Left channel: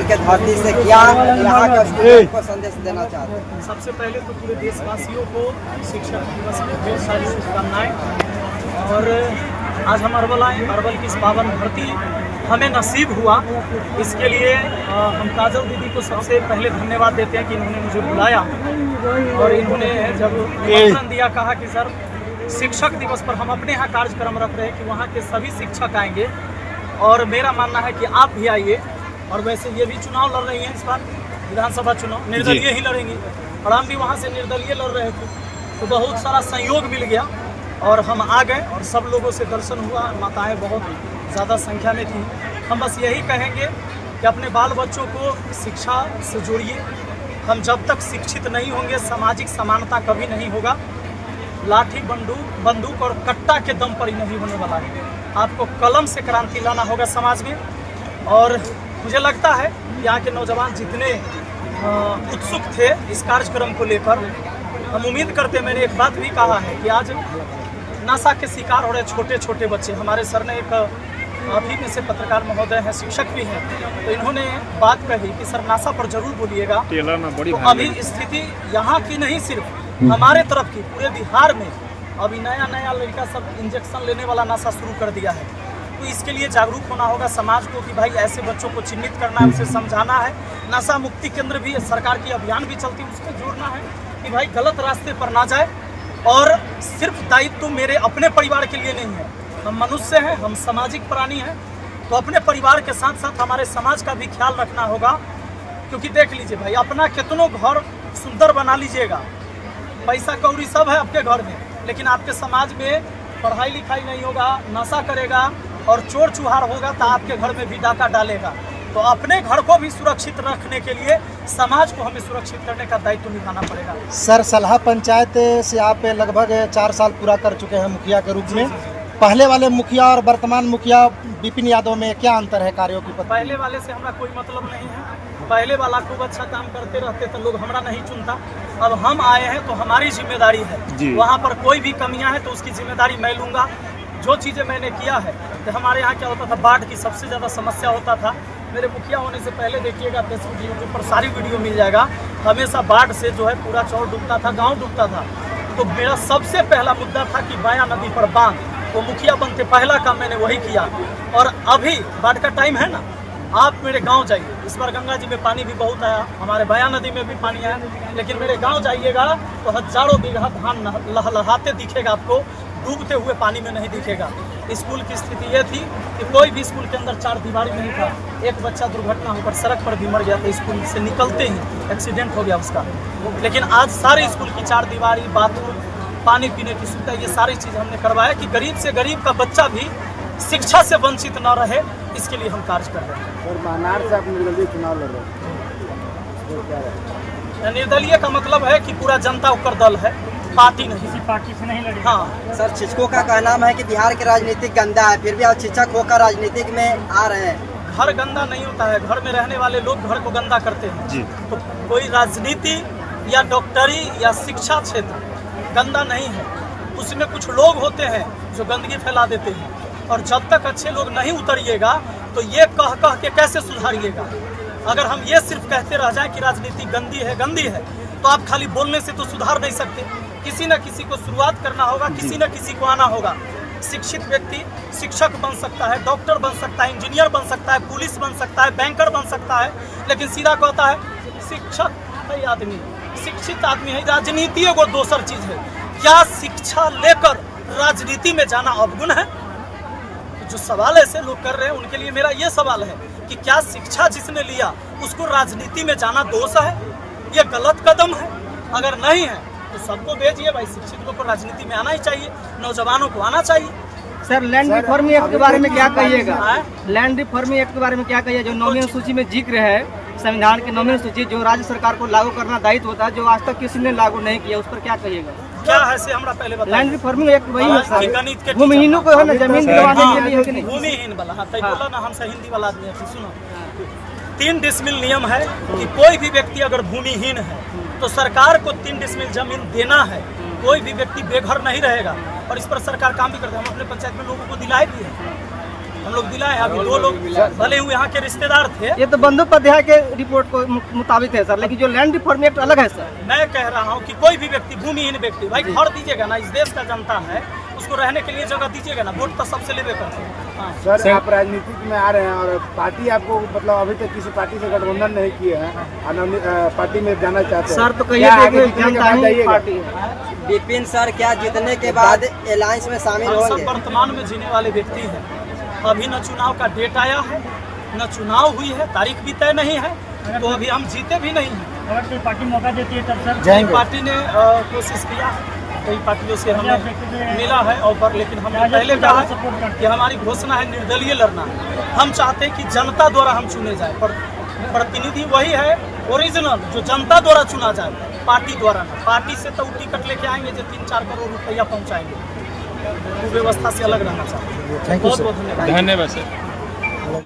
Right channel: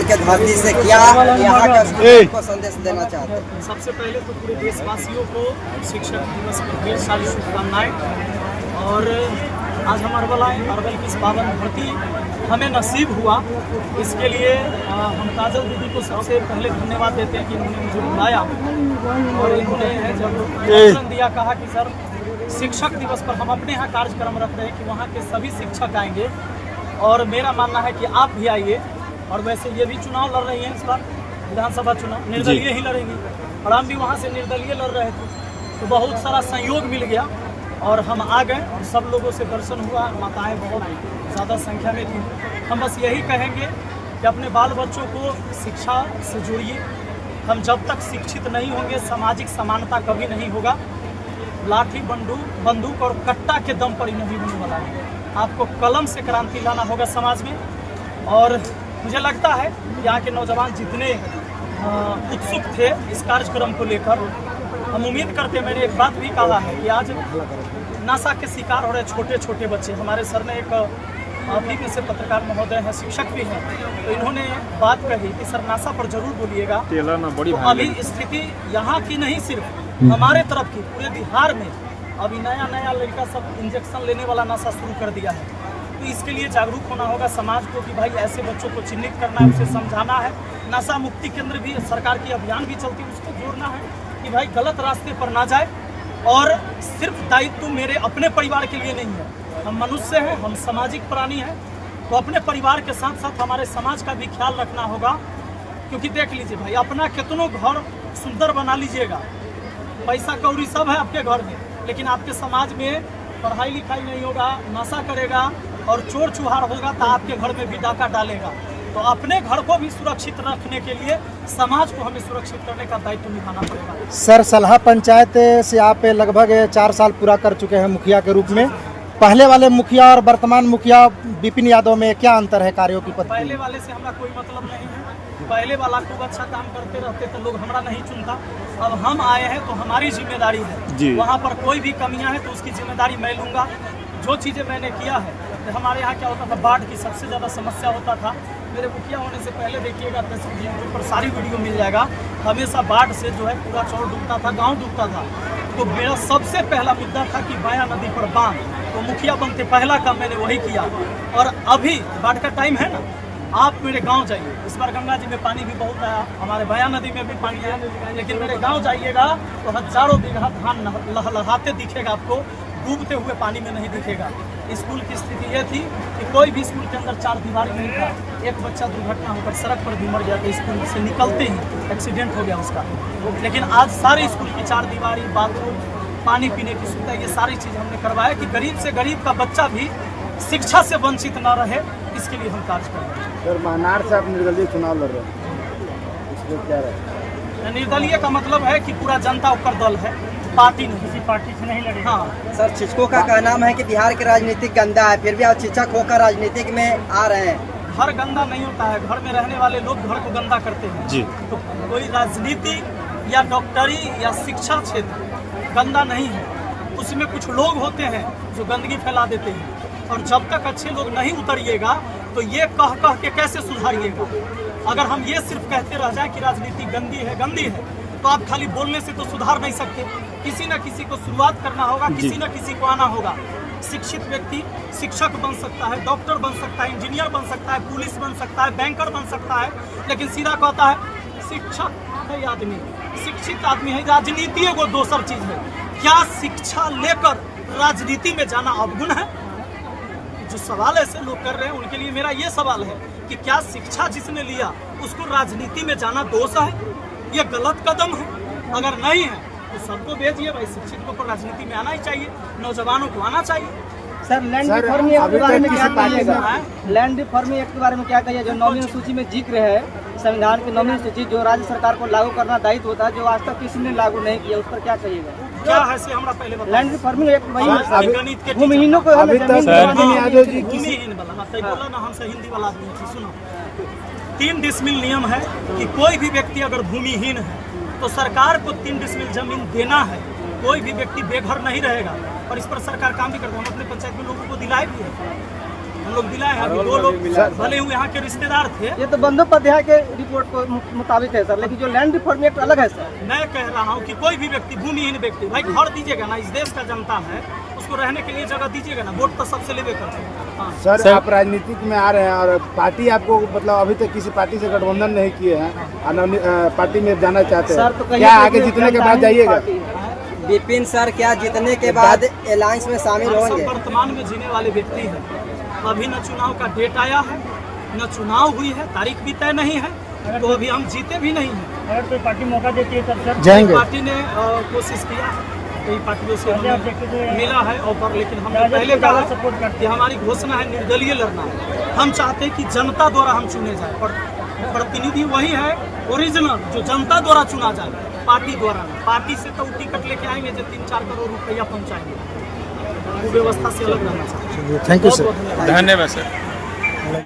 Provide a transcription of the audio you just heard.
अरवल के धरती से क्या यहाँ का स्टूडेंट को संदेश देना चाहते हैं? सबसे पहले तो पूरे देशवासियों को शिक्षक दिवस की ढेर सारी शुभकामनाएं। और आज हम अरवल आए, अरवल की इस पावन धरती हमें नसीब हुआ, इसके लिए हम काजल दीदी को सबसे पहले धन्यवाद देते हैं कि इन्होंने मुझे बुलाया और इन्होंने जब निमंत्रण दिया, कहा कि सर शिक्षक दिवस पर हम अपने यहाँ कार्यक्रम रख रहे हैं कि वहाँ के सभी शिक्षक आएंगे और मेरा मानना है कि आप भी आइए। और वैसे ये भी चुनाव लड़ रही हैं, इस बार विधानसभा चुनाव निर्दलीय ही लड़ेंगी और हम भी वहाँ से निर्दलीय लड़ रहे थे, तो बहुत सारा सहयोग मिल गया और हम आ गए और सब लोगों से दर्शन हुआ। माताएं बहुत ज़्यादा संख्या में थी। हम बस यही कहेंगे कि अपने बाल बच्चों को शिक्षा से जोड़िए। हम जब तक शिक्षित नहीं होंगे सामाजिक समानता कभी नहीं होगा। लाठी बंदूक और कट्टा के दम पर ही नहीं होने वाला है। आपको कलम से क्रांति लाना होगा समाज में। और मुझे लगता है यहाँ के नौजवान जितने उत्सुक थे इस कार्यक्रम को लेकर, हम उम्मीद करते हैं, मैंने एक बात भी कहा है कि आज नशा के शिकार हो रहे छोटे छोटे बच्चे। हमारे सर ने एक अभी में से पत्रकार महोदय हैं, शिक्षक भी हैं, तो इन्होंने बात कही कि सर नशा पर जरूर बोलिएगा। तो अभी स्थिति यहाँ की नहीं, सिर्फ हमारे तरफ की, पूरे बिहार में अभी नया लड़का सब इंजेक्शन लेने वाला नशा शुरू कर दिया है। तो इसके लिए जागरूक होना होगा समाज को कि भाई ऐसे बच्चों को चिन्हित करना है, उसे समझाना है। नशा मुक्ति केंद्र भी सरकार की अभियान भी चलती है, उसको जोड़ना है कि भाई गलत रास्ते पर ना जाए। और सिर्फ दायित्व मेरे अपने परिवार के लिए नहीं है, हम मनुष्य हैं, हम सामाजिक प्राणी हैं, तो अपने परिवार के साथ साथ हमारे समाज का भी ख्याल रखना होगा। क्योंकि देख लीजिए भाई, अपना कितनों घर सुंदर बना लीजिएगा, पैसा कौड़ी सब है आपके घर में, लेकिन आपके समाज में पढ़ाई लिखाई नहीं होगा, नशा करेगा और चोर चुहार होगा तो आपके घर में भी डाका डालेगा। तो अपने घर को भी सुरक्षित रखने के लिए समाज को हमें सुरक्षित करने का दायित्व निभाना पड़ेगा। सर, सलहा पंचायत से आप लगभग 4 साल पूरा कर चुके हैं मुखिया के रूप में। पहले वाले मुखिया और वर्तमान मुखिया विपिन यादव में क्या अंतर है कार्यों की? पहले वाले से हमारा कोई मतलब नहीं है। पहले वाला खूब अच्छा काम करते रहते तो लोग हमारा नहीं चुनता। अब हम आए हैं तो हमारी जिम्मेदारी है, वहाँ पर कोई भी कमियां हैं तो उसकी जिम्मेदारी मैं लूँगा। जो चीज़ें मैंने किया है, तो हमारे यहाँ क्या होता था, बाढ़ की सबसे ज़्यादा समस्या होता था। मेरे मुखिया होने से पहले देखिएगा फेसबुक यूट्यूब पर सारी वीडियो मिल जाएगा, हमेशा बाढ़ से जो है पूरा चौर डूबता था, गाँव डूबता था। तो मेरा सबसे पहला मुद्दा था कि बाया नदी पर बांध, तो मुखिया बनते पहला काम मैंने वही किया। और अभी बाढ़ का टाइम है ना, आप मेरे गांव जाइए, इस बार गंगा जी में पानी भी बहुत आया, हमारे बया नदी में भी पानी आया, लेकिन मेरे गांव जाइएगा तो हजारों बीघा धान लहलहाते दिखेगा आपको, डूबते हुए पानी में नहीं दिखेगा। स्कूल की स्थिति ये थी कि कोई भी स्कूल के अंदर 4 दीवारी नहीं था। एक बच्चा दुर्घटना होकर सड़क पर भी मर गया तो स्कूल से निकलते ही एक्सीडेंट हो गया उसका। लेकिन आज सारे स्कूल की 4 दीवारी, बाथरूम, पानी पीने की सुविधा, ये सारी चीज़ हमने करवाया कि गरीब से गरीब का बच्चा भी शिक्षा से वंचित न रहे, इसके लिए हम कार्य कर रहे हैं। सर, मानार से आप निर्दलीय चुनाव लड़ रहे हैं, निर्दलीय का मतलब है कि पूरा जनता ऊपर दल है, पार्टी नहीं, किसी पार्टी से नहीं लड़े। हाँ सर, शिक्षकों का कहना है कि बिहार की राजनीतिक गंदा है, फिर भी आप शिक्षक होकर राजनीतिक में आ रहे हैं। घर गंदा नहीं होता है, घर में रहने वाले लोग घर को गंदा करते हैं जी। तो कोई राजनीति या डॉक्टरी या शिक्षा क्षेत्र गंदा नहीं है, उसमें कुछ लोग होते हैं जो गंदगी फैला देते हैं। और जब तक अच्छे लोग नहीं उतरिएगा तो ये कह के कैसे सुधारिएगा? अगर हम ये सिर्फ कहते रह जाए कि राजनीति गंदी है, तो आप खाली बोलने से तो सुधार नहीं सकते। किसी न किसी को शुरुआत करना होगा, किसी न किसी को आना होगा। शिक्षित व्यक्ति शिक्षक बन सकता है, डॉक्टर बन सकता है, इंजीनियर बन सकता है, पुलिस बन सकता है, बैंकर बन सकता है, लेकिन सीधा कहता है शिक्षक है आदमी, शिक्षित आदमी है। राजनीति वो दूसर चीज है। क्या शिक्षा लेकर राजनीति में जाना अवगुण है? जो सवाल ऐसे लोग कर रहे हैं उनके लिए मेरा ये सवाल है कि क्या शिक्षा जिसने लिया उसको राजनीति में जाना दोष है? ये गलत कदम है। अगर नहीं है तो सबको भेजिए भाई, शिक्षित को राजनीति में आना ही चाहिए, नौजवानों को आना चाहिए। सर, लैंड रिफॉर्म एक्ट के बारे में क्या कहिएगा? लैंड रिफॉर्म एक्ट के बारे में क्या कहिए? जो नौवीं सूची में जिक्र है, संविधान की नौवीं सूची, जो राज्य सरकार को लागू करना दायित्व होता है, जो आज तक किसी ने लागू नहीं किया, उस पर क्या कहिएगा? क्या है से हमरा पहले बताइए। लैंड रिफॉर्म एक्ट वही है, भूमिहीनों को है जमीन भूमिहीन वाला। हाँ तो बोला ना, हमसे हिंदी वाला आदमी है। सुनो, 3 डिसमिल नियम है कि कोई भी व्यक्ति अगर भूमिहीन है तो सरकार को 3 डिसमिल जमीन देना है। कोई भी व्यक्ति बेघर नहीं रहेगा और इस पर सरकार काम भी करता है। हम अपने पंचायत में लोगों को दिलाए भी है। हम लोग दिलाए हैं। अभी 2 लोग भले ही यहाँ के रिश्तेदार थे। ये तो बंदोपाध्याय के रिपोर्ट को मुताबिक है सर, लेकिन जो लैंड रिफॉर्म एक्ट अलग है सर। मैं कह रहा हूँ कि कोई भी व्यक्ति, भूमिहीन व्यक्ति, भाई घर दीजिएगा ना, इस देश का जनता है, उसको रहने के लिए जगह दीजिएगा ना। वोट तो सबसे लेवे करते हैं। हाँ। सर आप राजनीतिक में आ रहे हैं और पार्टी आपको मतलब अभी तक किसी पार्टी से गठबंधन नहीं किए हैं और पार्टी में जाना चाहते हैं सर तो क्या आगे जीतने के बाद जाइएगा? विपिन सर क्या जीतने के बाद अलायंस में शामिल हम होंगे? सब वर्तमान में जीने वाले व्यक्ति हैं। अभी न चुनाव का डेट आया है, न चुनाव हुई है, तारीख भी तय नहीं है, तो अभी हम जीते भी नहीं हैं। अगर कोई पार्टी मौका देती है तब सर जाएंगे। पार्टी ने कोशिश किया है, कई पार्टियों से हमें मिला है ऑफर, लेकिन हमने पहले कहा है कि हमारी घोषणा है निर्दलीय लड़ना है। हम चाहते हैं कि जनता द्वारा हम चुने जाए, पर प्रतिनिधि वही है ओरिजिनल जो जनता द्वारा चुना जाए, पार्टी द्वारा नहीं। पार्टी से तो टिकट लेके आएंगे जो 3-4 करोड़ रुपया पहुँचाएंगे, वो व्यवस्था से अलग रहना चाहिए। थैंक यू बहुत सर। बहुत धन्यवाद। धन्यवाद सर।